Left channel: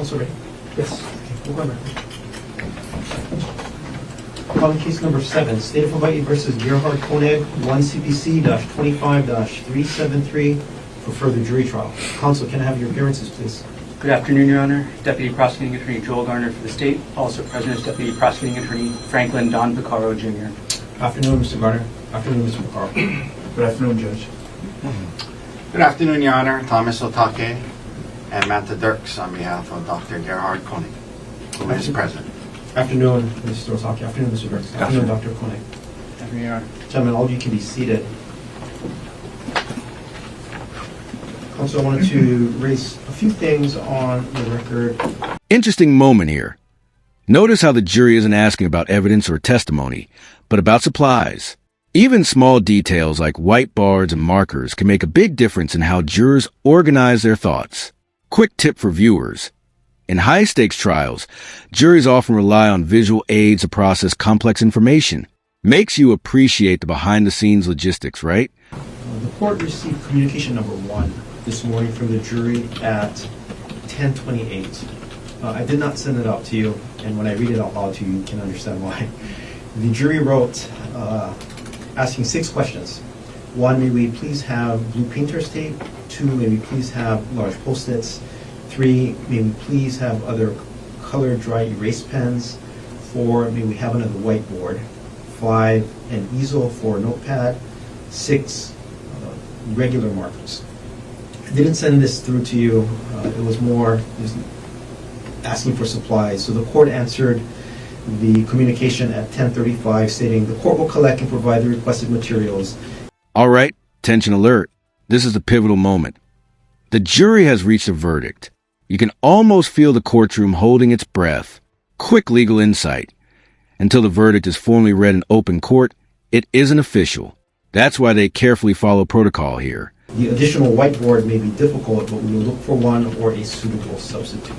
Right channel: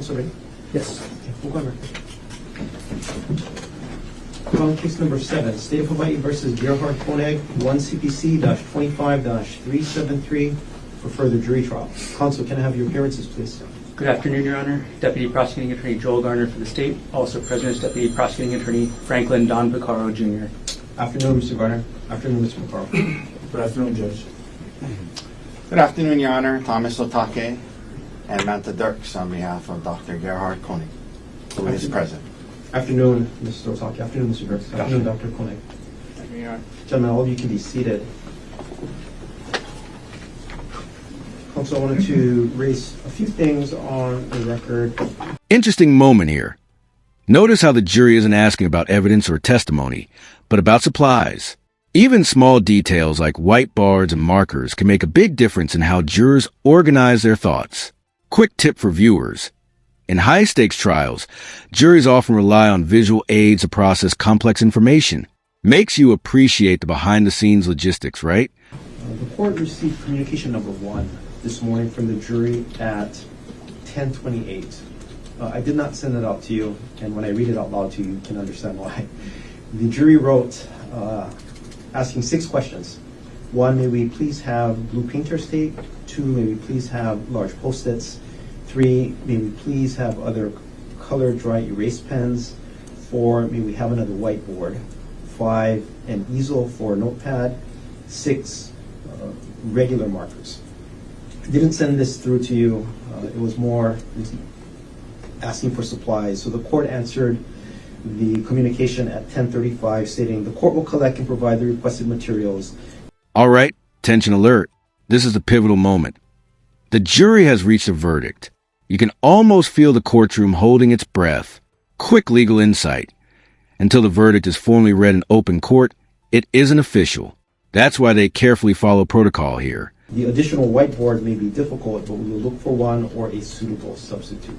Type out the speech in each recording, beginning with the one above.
Counsel ready? Yes. Okay, we'll go on case number 7, State of Hawaii versus Gerard Koig, 1 CPC-25-373 for further jury trial. Counsel, can I have your appearances, please? Good afternoon, Your Honor. Deputy Prosecuting Attorney Joel Garner for the state. Also present is Deputy Prosecuting Attorney Franklin Don Buccaro, Jr. Afternoon, Mr. Garner. Afternoon, Mr. McCarr. Good afternoon, Judge. Good afternoon, Your Honor. Thomas Otake and Matt Dirks on behalf of Dr. Gerard Koig, who is present. Afternoon, Mr. Osaki. Afternoon, Mr. Dirks. Afternoon, Dr. Koig. Afternoon, Your Honor. Gentlemen, all of you can be seated. Counsel, I wanted to raise a few things on the record. Interesting moment here. Notice how the jury isn't asking about evidence or testimony, but about supplies. Even small details like whiteboards and markers can make a big difference in how jurors organize their thoughts. Quick tip for viewers. In high-stakes trials, juries often rely on visual aids to process complex information. Makes you appreciate the behind-the-scenes logistics, right? The court received communication number 1 this morning from the jury at 10:28. I did not send it out to you, and when I read it out loud to you, you can understand why. The jury wrote asking 6 questions. 1, may we please have blue printer state? 2, may we please have large post-its? 3, may we please have other colored dry erase pens? 4, may we have another whiteboard? 5, an easel for a notepad. 6, regular markers. I didn't send this through to you. It was more just asking for supplies. So the court answered the communication at 10:35 stating the court will collect and provide the requested materials. All right, tension alert. This is a pivotal moment. The jury has reached a verdict. You can almost feel the courtroom holding its breath. Quick legal insight. Until the verdict is formally read in open court, it isn't official. That's why they carefully follow protocol here. The additional whiteboard may be difficult, but we will look for one or a suitable substitute.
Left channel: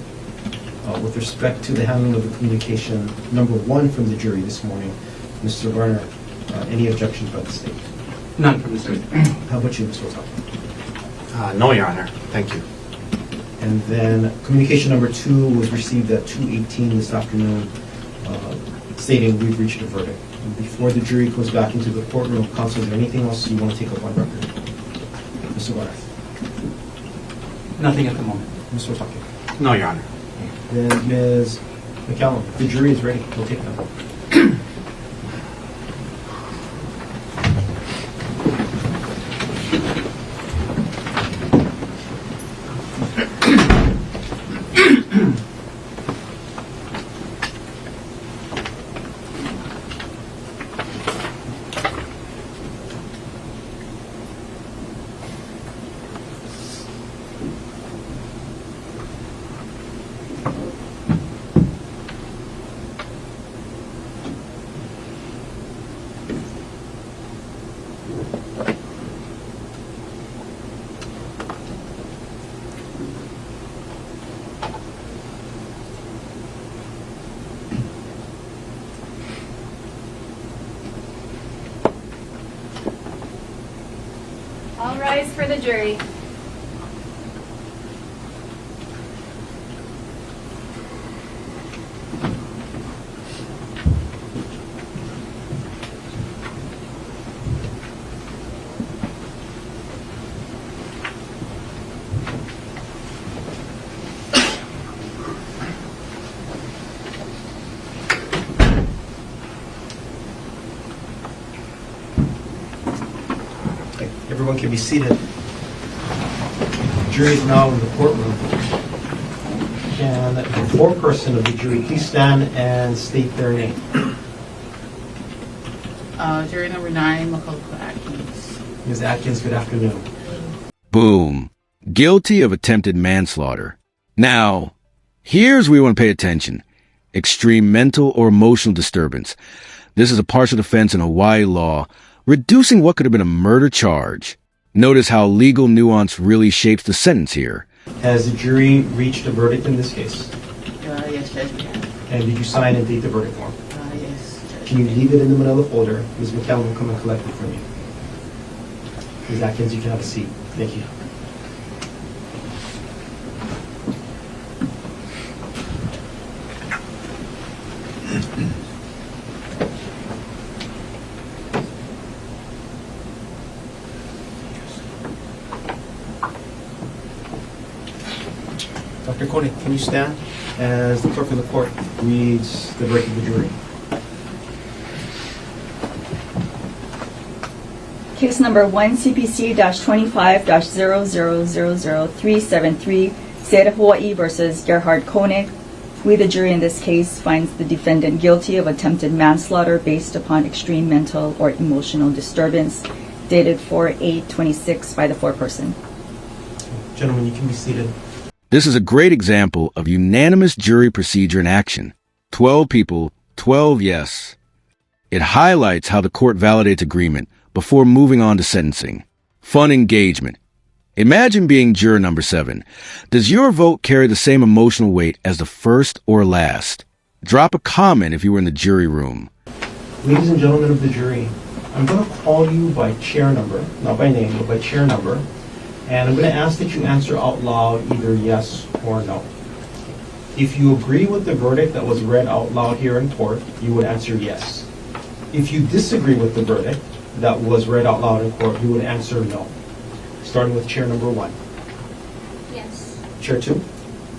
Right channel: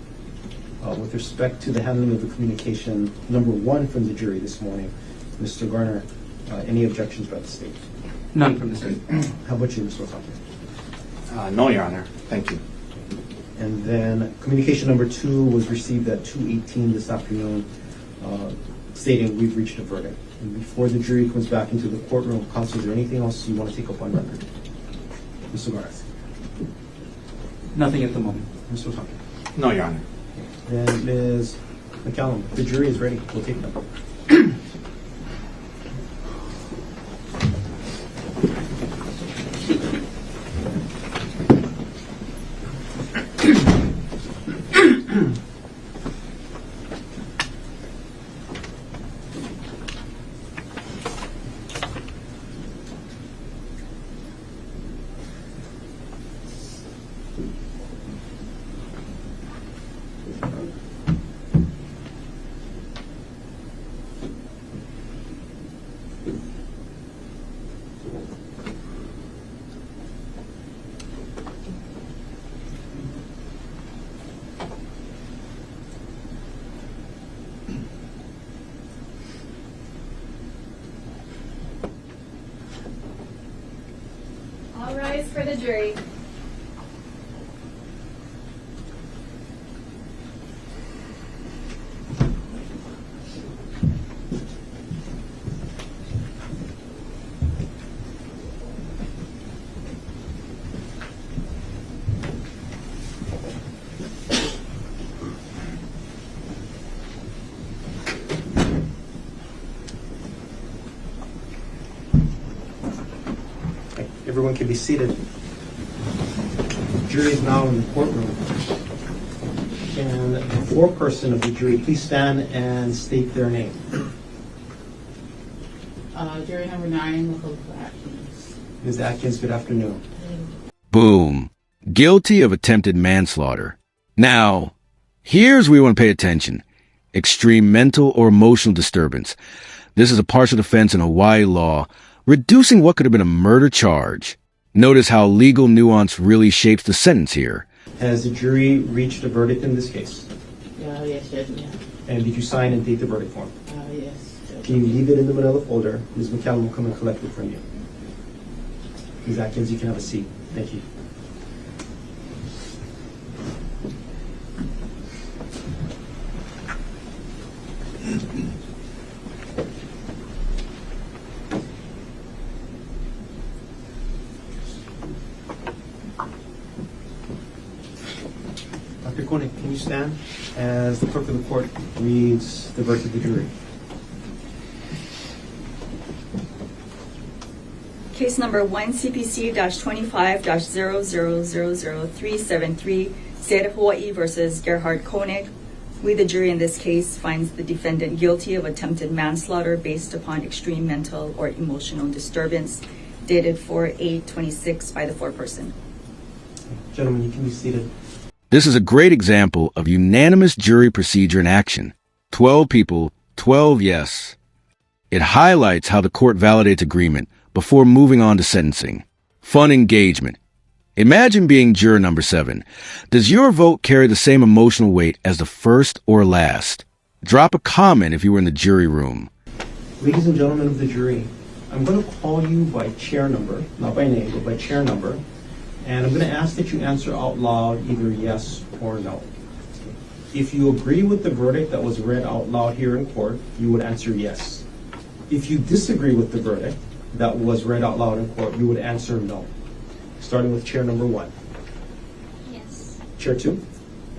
With respect to the handling of the communication number 1 from the jury this morning, Mr. Garner, any objections by the state? None from the state. How about you, Mr. Osaka? No, Your Honor. Thank you. And then communication number 2 was received at 2:18 this afternoon, stating we've reached a verdict. And before the jury goes back into the courtroom, counsel, is there anything else you want to take up on record? Mr. Garth? Nothing at the moment. Mr. Osaka? No, Your Honor. And Ms. McCallum, the jury is ready. We'll take them. All rise for the jury. Everyone can be seated. The jury is now in the courtroom. Can the foreperson of the jury please stand and state their name? Jury number 9, Makoto Atkins. Ms. Atkins, good afternoon. Boom. Guilty of attempted manslaughter. Now, here's where we want to pay attention. Extreme mental or emotional disturbance. This is a partial defense in Hawaii law, reducing what could have been a murder charge. Notice how legal nuance really shapes the sentence here. Has the jury reached a verdict in this case? Yes, Judge, we have. And did you sign and date the verdict form? Yes, Judge. Can you leave it in the manila folder? Ms. McCallum will come and collect it from you. Ms. Atkins, you can have a seat. Thank you. Koig, can you stand as the clerk of the court reads the verdict of the jury? Case number 1 CPC-25-00000373, State of Hawaii versus Gerard Koig. We, the jury in this case, finds the defendant guilty of attempted manslaughter based upon extreme mental or emotional disturbance, dated 4/8/26 by the foreperson. Gentlemen, you can be seated. This is a great example of unanimous jury procedure in action. 12 people, 12 yes. It highlights how the court validates agreement before moving on to sentencing. Fun engagement. Imagine being juror number 7. Does your vote carry the same emotional weight as the first or last? Drop a comment if you were in the jury room. Ladies and gentlemen of the jury, I'm going to call you by chair number, not by name, but by chair number, and I'm going to ask that you answer out loud either yes or no. If you agree with the verdict that was read out loud here in court, you would answer yes. If you disagree with the verdict that was read out loud in court, you would answer no. Starting with chair number 1. Yes. Chair 2.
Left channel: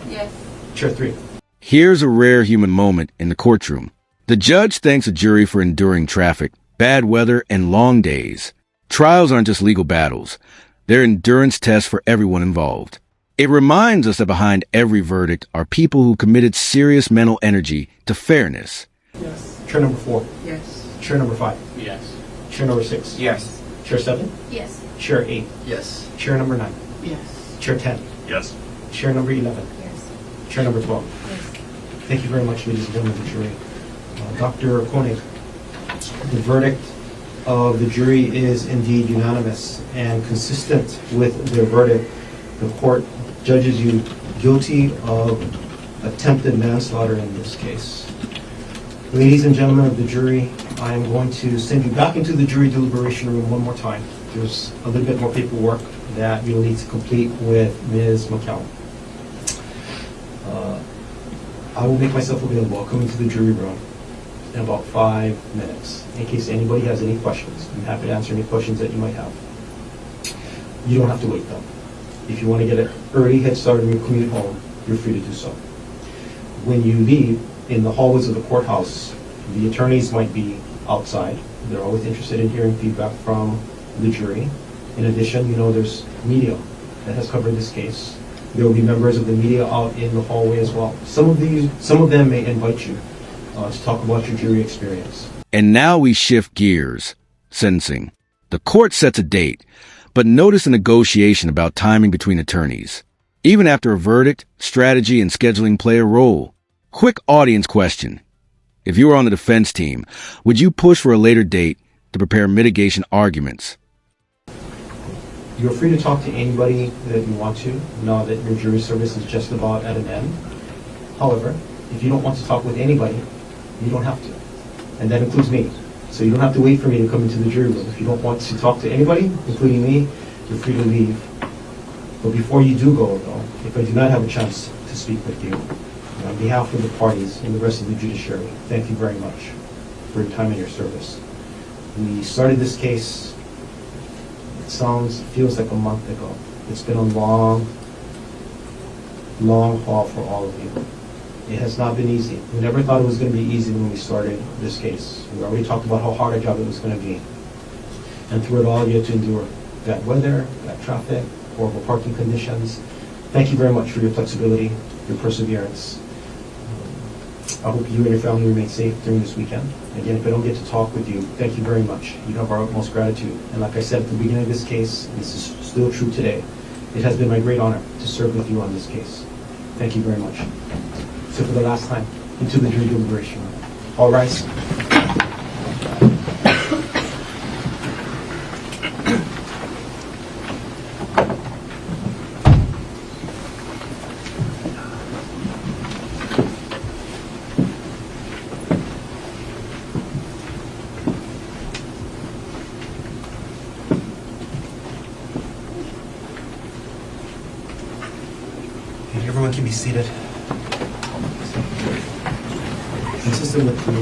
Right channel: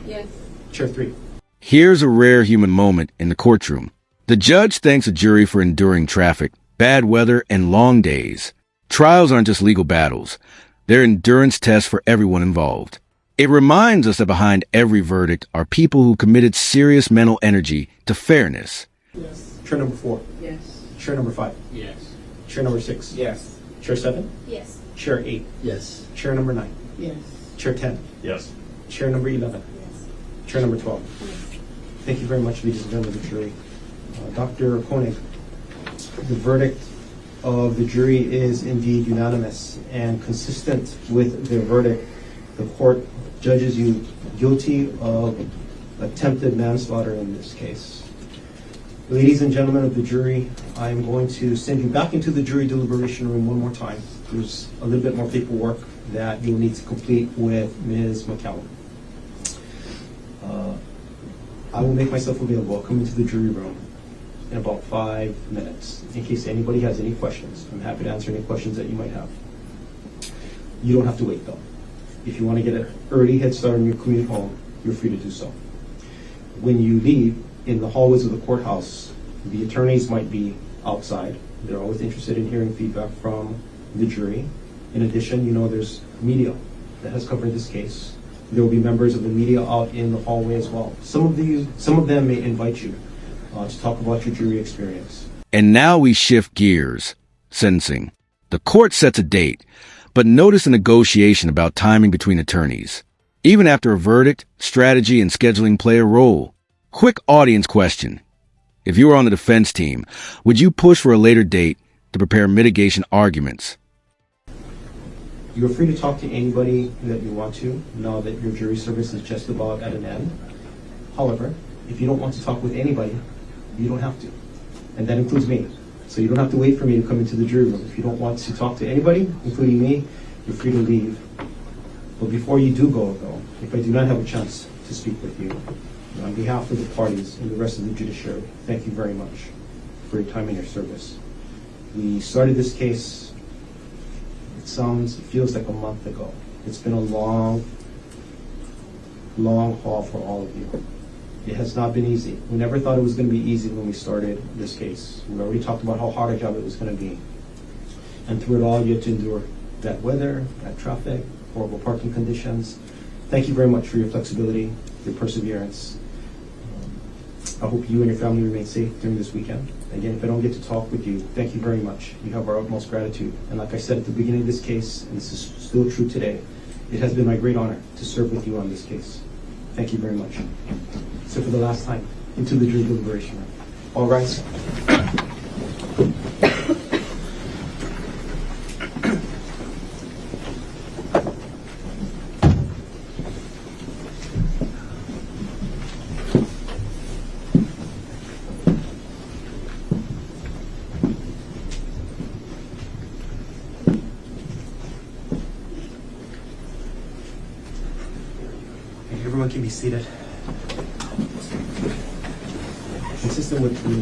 Yes. Chair 3. Here's a rare human moment in the courtroom. The judge thanks a jury for enduring traffic, bad weather, and long days. Trials aren't just legal battles. They're endurance tests for everyone involved. It reminds us that behind every verdict are people who committed serious mental energy to fairness. Yes. Chair number 4. Yes. Chair number 5. Yes. Chair number 6. Yes. Chair 7. Yes. Chair 8. Yes. Chair number 9. Yes. Chair 10. Yes. Chair number 11. Yes. Chair number 12. Yes. Thank you very much, ladies and gentlemen of the jury. Dr. Koig, the verdict of the jury is indeed unanimous, and consistent with their verdict, the court judges you guilty of attempted manslaughter in this case. Ladies and gentlemen of the jury, I am going to send you back into the jury deliberation room one more time. There's a little bit more paperwork that you'll need to complete with Ms. McCown. I will make myself available. I'll come into the jury room in about 5 minutes in case anybody has any questions. I'm happy to answer any questions that you might have. You don't have to wait though. If you want to get an early head start on your commute home, you're free to do so. When you leave, in the hallways of the courthouse, the attorneys might be outside. They're always interested in hearing feedback from the jury. In addition, there's media that has covered this case. There will be members of the media out in the hallway as well. Some of them may invite you to talk about your jury experience. And now we shift gears. Sentencing. The court sets a date, but notice a negotiation about timing between attorneys. Even after a verdict, strategy and scheduling play a role. Quick audience question. If you were on the defense team, would you push for a later date to prepare mitigation arguments? You're free to talk to anybody that you want to, now that your jury service is just about at an end. However, if you don't want to talk with anybody, you don't have to. And that includes me. So you don't have to wait for me to come into the jury room. If you don't want to talk to anybody, including me, you're free to leave. But before you do go, though, if I do not have a chance to speak with you, on behalf of the parties and the rest of the judiciary, thank you very much for your time and your service. We started this case, it feels like a month ago. It's been a long, long haul for all of you. It has not been easy. We never thought it was going to be easy when we started this case. We already talked about how hard a job it was going to be. And through it all, you had to endure that weather, that traffic, horrible parking conditions. Thank you very much for your flexibility, your perseverance. I hope you and your family remain safe during this weekend. Again, if I don't get to talk with you, thank you very much. You have our utmost gratitude. And like I said at the beginning of this case, and this is still true today, it has been my great honor to serve with you on this case. Thank you very much. So for the last time, into the jury deliberation room. All rise. Everyone can be seated. Consistent with the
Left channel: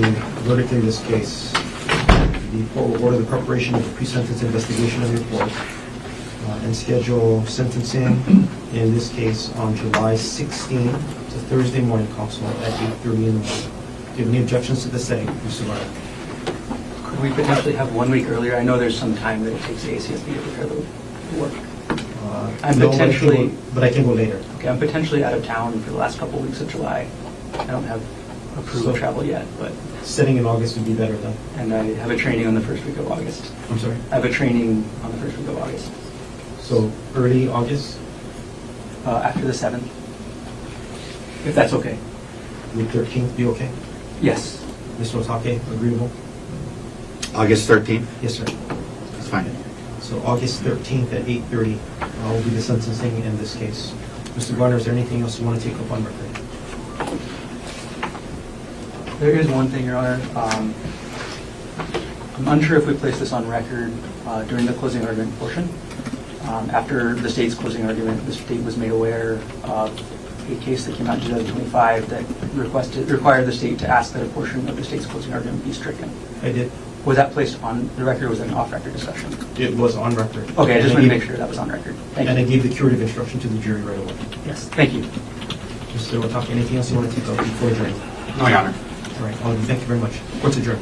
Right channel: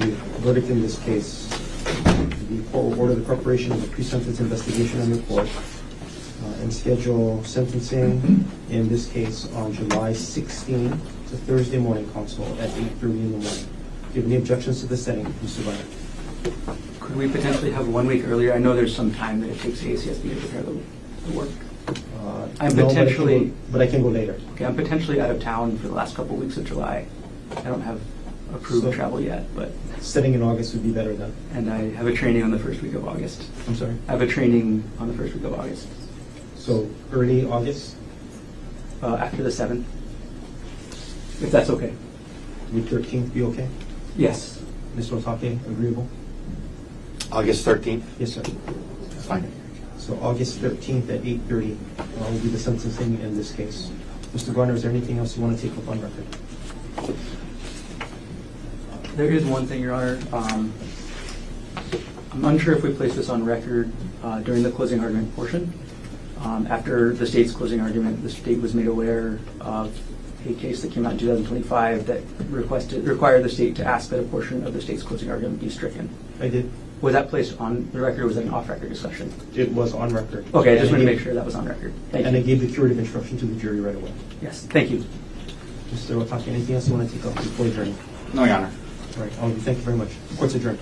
verdict in this case, the court will order the preparation of the pre-sentence investigation and report and schedule sentencing in this case on July 16, it's a Thursday morning, counsel, at 8:30 in the morning. Do you have any objections to the setting, Mr. Bonner? Could we potentially have 1 week earlier? I know there's some time that it takes the ACSB to prepare the work. I'm No, potentially- but I can go later. Okay, I'm potentially out of town for the last couple of weeks of July. I don't have approved travel yet, but, Setting in August would be better then. and I have a training on the first week of August. I'm sorry. I have a training on the first week of August, So early August, after the 7th, if that's okay. would 13th be okay? Yes. Mr. Otake, agreeable? August 13th? Yes, sir. That's fine. So August 13th at 8:30 will be the sentencing in this case. Mr. Garner, is there anything else you want to take up on record? There is one thing, Your Honor. I'm unsure if we place this on record during the closing argument portion. After the state's closing argument, the state was made aware of a case that came out in 2025 that required the state to ask that a portion of the state's closing argument be stricken. I did. Was that placed on the record or was it an off-record discussion? It was on record. Okay, I just want to make sure that was on record. Thank And I you. gave the curative instruction to the jury right away. Yes, thank you. Mr. Otake, anything else you want to take up before adjourning? No, Your Honor. All right, thank you very much. Court's adjourned.